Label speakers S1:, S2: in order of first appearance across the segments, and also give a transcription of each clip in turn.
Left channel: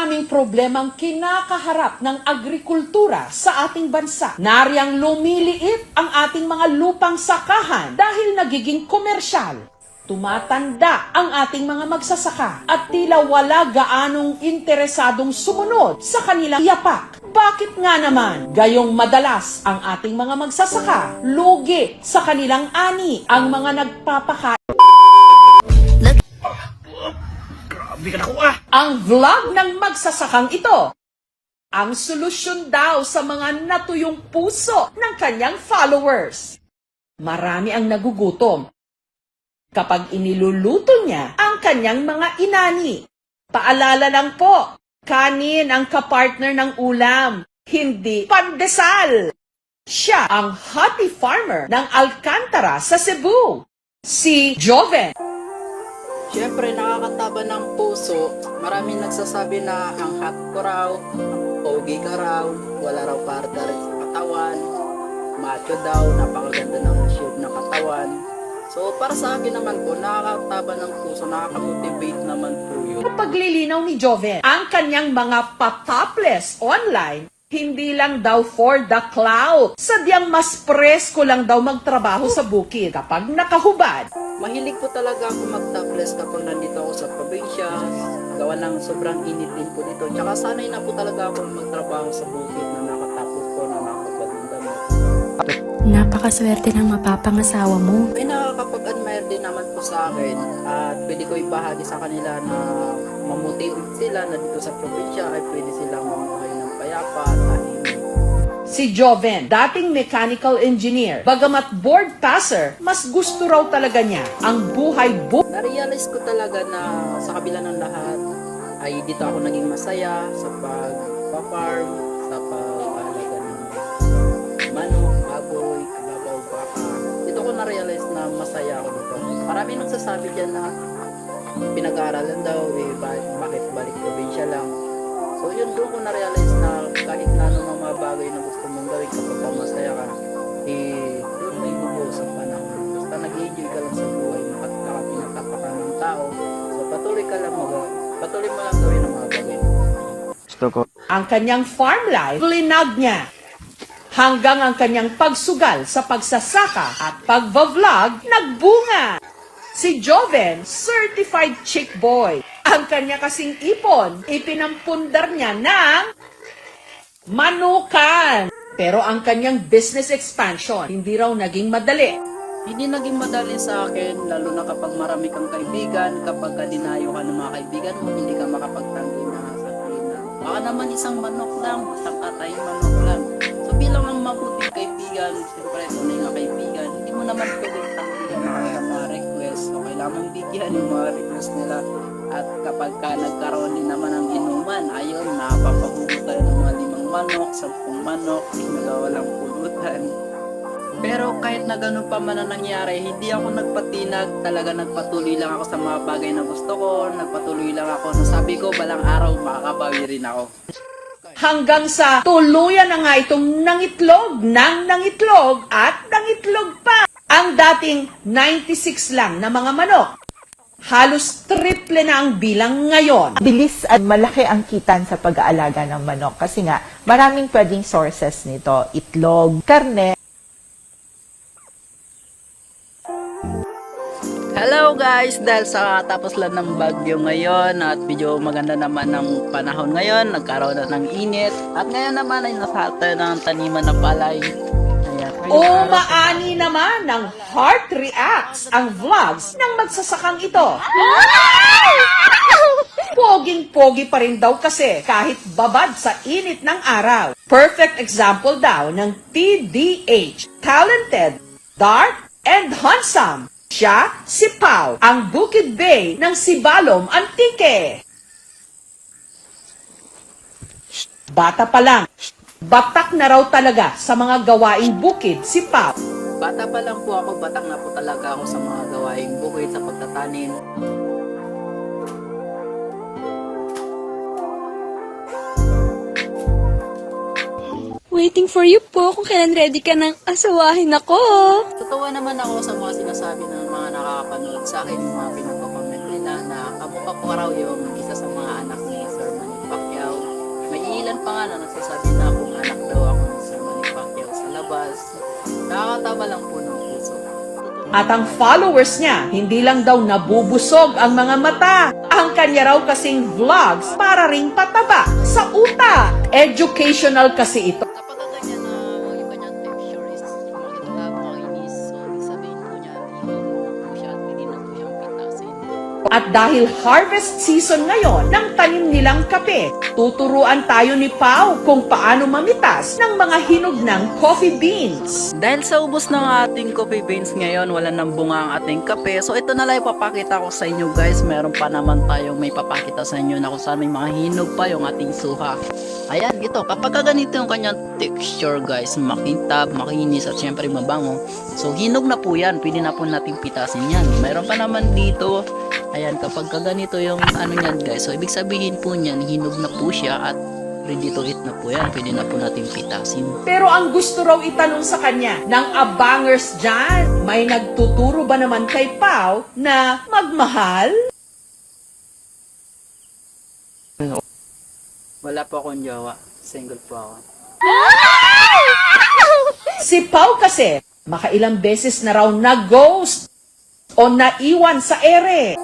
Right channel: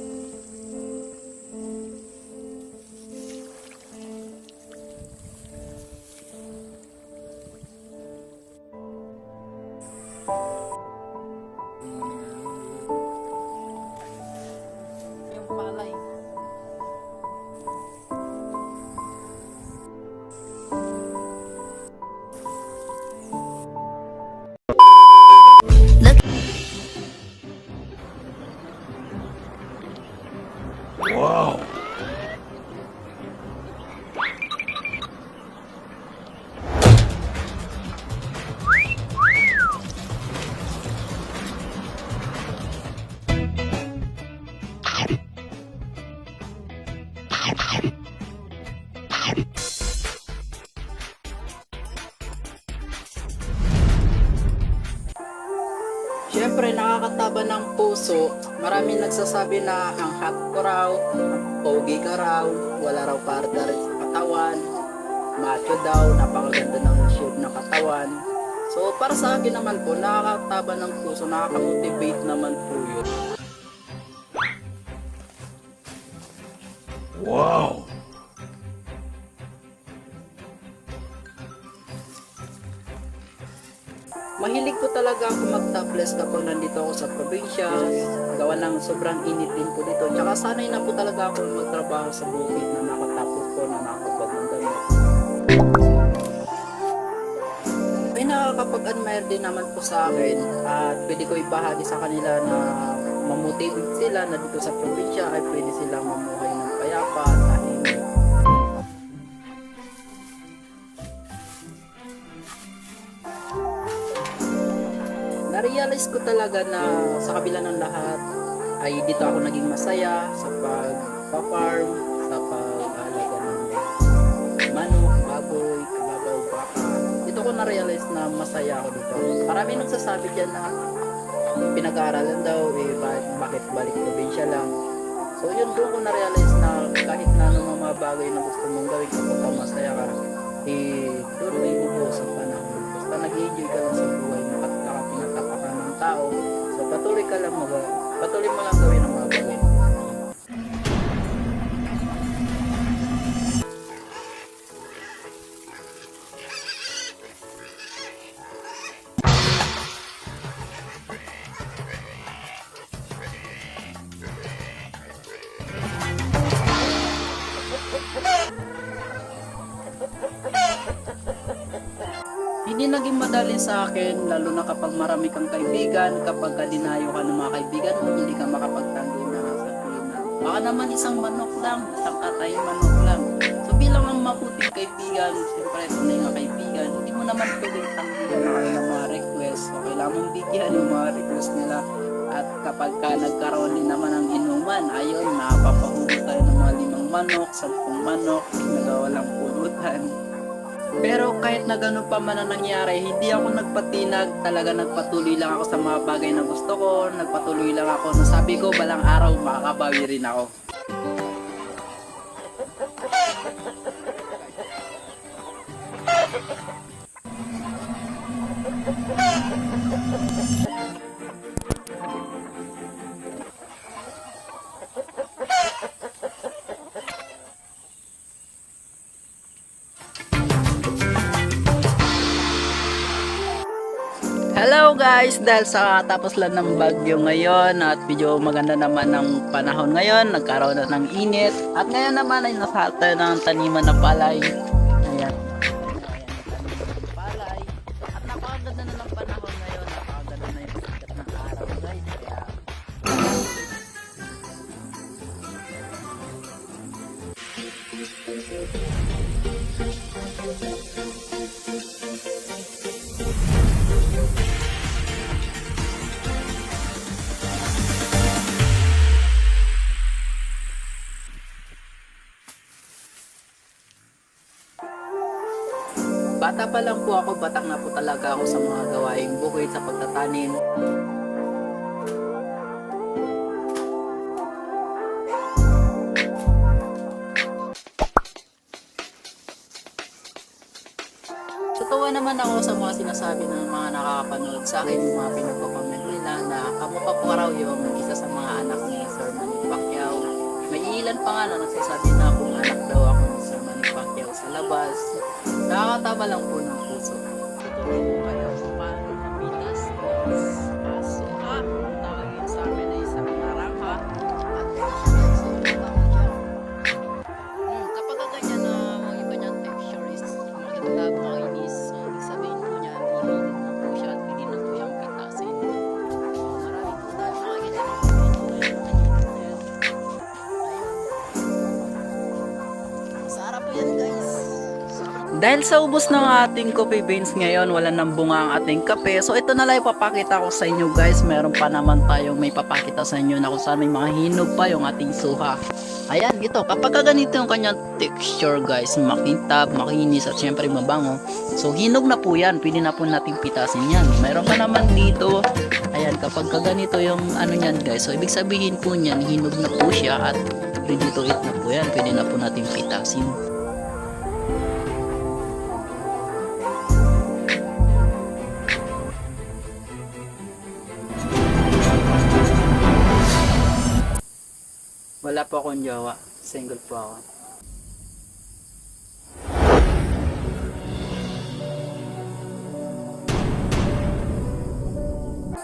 S1: Maraming problemang kinakaharap ng agrikultura sa ating bansa. Nariyang lumiliit ang ating mga lupang sakahan dahil nagiging komersyal. Tumatanda ang ating mga magsasaka at tila wala gaanong interesadong sumunod sa kanilang yapak. Bakit nga naman gayong madalas ang ating mga magsasaka lugi sa kanilang ani ang mga nagpapakain? Ang vlog ng magsasakang ito. Ang solusyon daw sa mga natuyong puso ng kanyang followers. Marami ang nagugutom kapag iniluluto niya ang kanyang mga inani. Paalala lang po, kanin ang kapartner ng ulam, hindi pandesal. Siya ang hobby farmer ng Alcantara sa Cebu, si Joven.
S2: Siyempre, nakakataba ng puso. Maraming nagsasabi na ang hot ko raw, pogi ka raw, wala raw rin sa katawan, macho daw, napakaganda ng shape ng katawan. So, para sa akin naman po, nakakataba ng puso, nakakamotivate naman po yun.
S1: paglilinaw ni Joven, ang kanyang mga patopless online, hindi lang daw for the cloud. Sadyang mas presko lang daw magtrabaho sa bukid kapag nakahubad.
S2: Mahilig po talaga ako mag-topless kapag nandito ako sa probinsya, gawa ng sobrang init din po dito. Tsaka sanay na po talaga ako magtrabaho sa bukid na nakatapos po na nakakabad ng damit.
S3: Napakaswerte ng mapapangasawa mo.
S2: May nakakapag-admire din naman po sa akin at pwede ko ibahagi sa kanila na mamotivate sila na dito sa probinsya ay pwede silang mamuhay ng payapa at tahimik.
S1: Si Joven, dating mechanical engineer, bagamat board passer, mas gusto raw talaga niya ang buhay bu
S2: Na-realize ko talaga na sa kabila ng lahat ay dito ako naging masaya sa pag-farm, na-realize na masaya ako dito. Marami nagsasabi dyan na pinag-aaralan daw, eh, bakit, bakit balik probinsya lang. So yun doon ko na-realize na kahit na anong mga bagay na gusto mong gawin kapag ka masaya ka, eh, doon may bubuhos ang panahon. Basta nag-enjoy ka lang sa buhay, nakapinatapakan ng tao. So patuloy ka lang mag patuloy mo lang gawin ang mga bagay.
S1: ang kanyang farm life, linag niya. Hanggang ang kanyang pagsugal sa pagsasaka at pagbablog, nagbunga. Si Joven, certified chick boy. Ang kanya kasing ipon, ipinampundar niya ng manukan. Pero ang kanyang business expansion, hindi raw naging madali.
S2: Hindi naging madali sa akin, lalo na kapag marami kang kaibigan, kapag ka dinayo ka ng mga kaibigan mo, hindi ka makapagtanggi na sabihin na, baka naman isang manok lang, isang katay manok lang. Bilang ang mabuting kaibigan, siyempre tunay nga kaibigan, hindi mo naman pwedeng tanggihan ang kanilang mga request. So kailangan bigyan yung mga request nila. At kapag ka nagkaroon din naman ng inuman, ayun, napapahubo tayo ng mga limang manok, sampung manok, nagawalang pulutan. Pero kahit na ganun pa man ang nangyari, hindi ako nagpatinag. Talaga nagpatuloy lang ako sa mga bagay na gusto ko. Nagpatuloy lang ako. Nasabi ko, balang araw makakabawi rin ako.
S1: Hanggang sa tuluyan na nga itong nangitlog, nang nangitlog at nangitlog pa. Ang dating 96 lang na mga manok. Halos triple na ang bilang ngayon.
S4: bilis at malaki ang kitan sa pag-aalaga ng manok kasi nga maraming pwedeng sources nito. Itlog, karne,
S2: Hello guys! Dahil sa tapos lang ng bagyo ngayon at medyo maganda naman ng panahon ngayon, nagkaroon na ng init. At ngayon naman ay nasa ng taniman na palay. Ayan.
S1: Umaani naman ng Heart Reacts ang vlogs ng magsasakang ito. Poging-pogi pa rin daw kasi kahit babad sa init ng araw. Perfect example daw ng TDH, talented, dark, and handsome. Siya, si Pau, ang Bukid Bay ng Sibalom Antique. Bata pa lang, batak na raw talaga sa mga gawaing bukid si Pau.
S2: Bata pa lang po ako, batang na po talaga ako sa mga gawaing bukid sa pagtatanim.
S3: Waiting for you po kung kailan ready ka ng asawahin ako.
S2: Totoo naman ako sa mga sinasabi ng mga nakakapanood sa akin, yung mga pinagpapamen nila na kamukha ko raw yung isa sa mga anak ni Sir Manny Pacquiao. nandyan pa nga na nagsasabi na kung anak daw ako ni Sir Manny Pacquiao sa labas. Nakakatama lang po ng puso.
S1: At ang followers niya, hindi lang daw nabubusog ang mga mata. Ang kanya raw kasing vlogs para ring pataba sa utak. Educational kasi ito.
S2: At
S1: dahil harvest season ngayon ng tanim nilang kape, tuturuan tayo ni Pau kung paano mamitas ng mga hinog ng coffee beans.
S2: Dahil sa ubos ng ating coffee beans ngayon, wala nang bunga ang ating kape. So ito na lang ipapakita ko sa inyo guys. Meron pa naman tayong may papakita sa inyo na kung saan may mga hinog pa yung ating suha. Ayan, ito. Kapag ka ganito yung kanyang texture guys, makintab, makinis at syempre mabango. So hinog na po yan. Pwede na po natin pitasin yan. Meron pa naman dito. Ayan, kapag ka ganito yung ano yan guys. So ibig sabihin po niyan, hinog na po siya at ready to eat na po yan. Pwede na po natin pitasin.
S1: Pero ang gusto raw itanong sa kanya ng abangers dyan, may nagtuturo ba naman kay Pau na magmahal?
S2: Wala po akong jowa. Single po ako.
S1: Si Pau kasi, makailang beses na raw na-ghost o naiwan sa ere.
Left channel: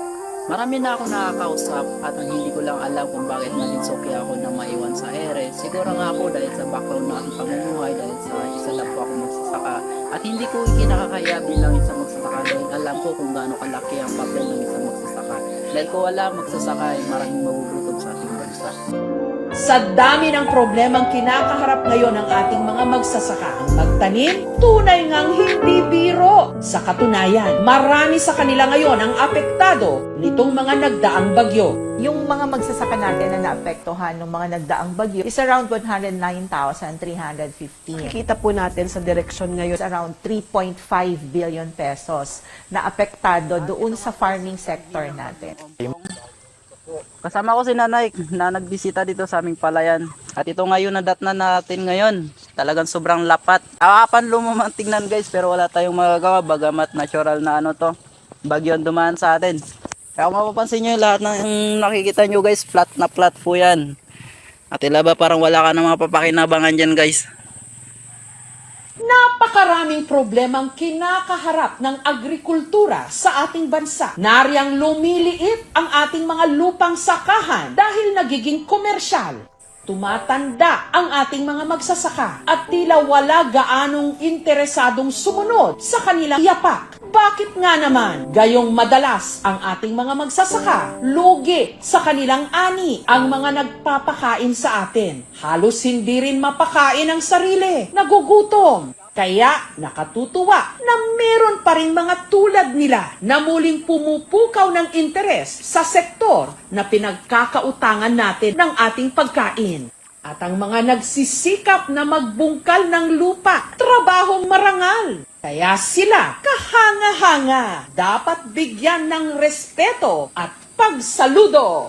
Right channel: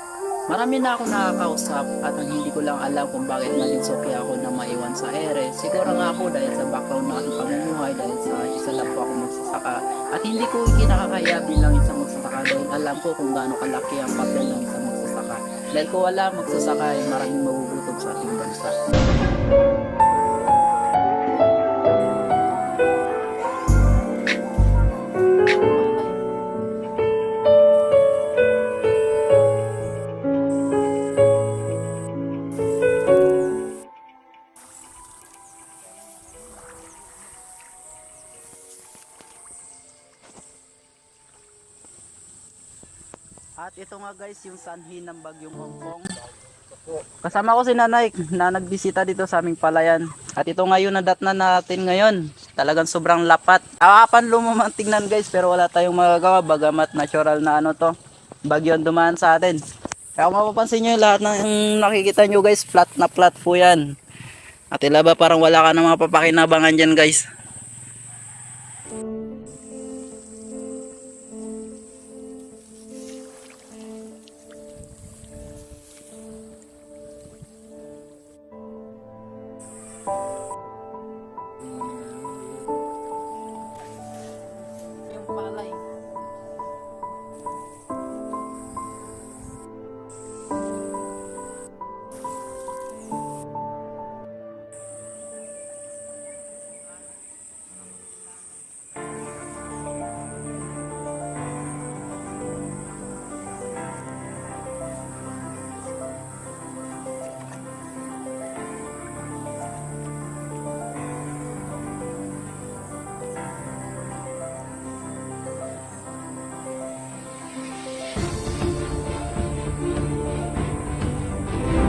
S2: Marami na ako nakakausap at ang hindi ko lang alam kung bakit naging suki ako na maiwan sa ere. Siguro nga ako dahil sa background ng aking pamumuhay, dahil sa isa lang po ako magsasaka. At hindi ko kinakakaya bilang isang magsasaka dahil alam ko kung gaano kalaki ang papel ng isang magsasaka. Dahil kung wala magsasaka ay maraming magugutom sa ating bansa.
S1: Sa dami ng problemang kinakaharap ngayon ng ating mga magsasaka, magtanim, tunay ngang hindi biro. Sa katunayan, marami sa kanila ngayon ang apektado nitong mga nagdaang bagyo.
S4: Yung mga magsasaka natin na naapektuhan ng mga nagdaang bagyo is around 109,315.
S5: Kita po natin sa direksyon ngayon.
S4: Around 3.5 billion pesos na apektado doon sa farming sector natin.
S2: Kasama ko si nanay na nagbisita dito sa aming palayan. At ito ngayon na dat na natin ngayon. Talagang sobrang lapat. Awapan lumamang tingnan guys pero wala tayong magagawa bagamat natural na ano to. Bagyo ang dumaan sa atin. Kaya mapapansin nyo lahat ng nakikita nyo guys flat na flat po yan. At ilaba parang wala ka na mga papakinabangan dyan guys.
S1: Napakaraming problemang kinakaharap ng agrikultura sa ating bansa. Nariyang lumiliit ang ating mga lupang sakahan dahil nagiging komersyal. Tumatanda ang ating mga magsasaka at tila wala gaanong interesadong sumunod sa kanilang yapak. Bakit nga naman gayong madalas ang ating mga magsasaka lugi sa kanilang ani ang mga nagpapakain sa atin? Halos hindi rin mapakain ang sarili. Nagugutom. Kaya nakatutuwa na meron pa rin mga tulad nila na muling pumupukaw ng interes sa sektor na pinagkakautangan natin ng ating pagkain. At ang mga nagsisikap na magbungkal ng lupa, trabahong marangal. Kaya sila kahanga-hanga, dapat bigyan ng respeto at pagsaludo.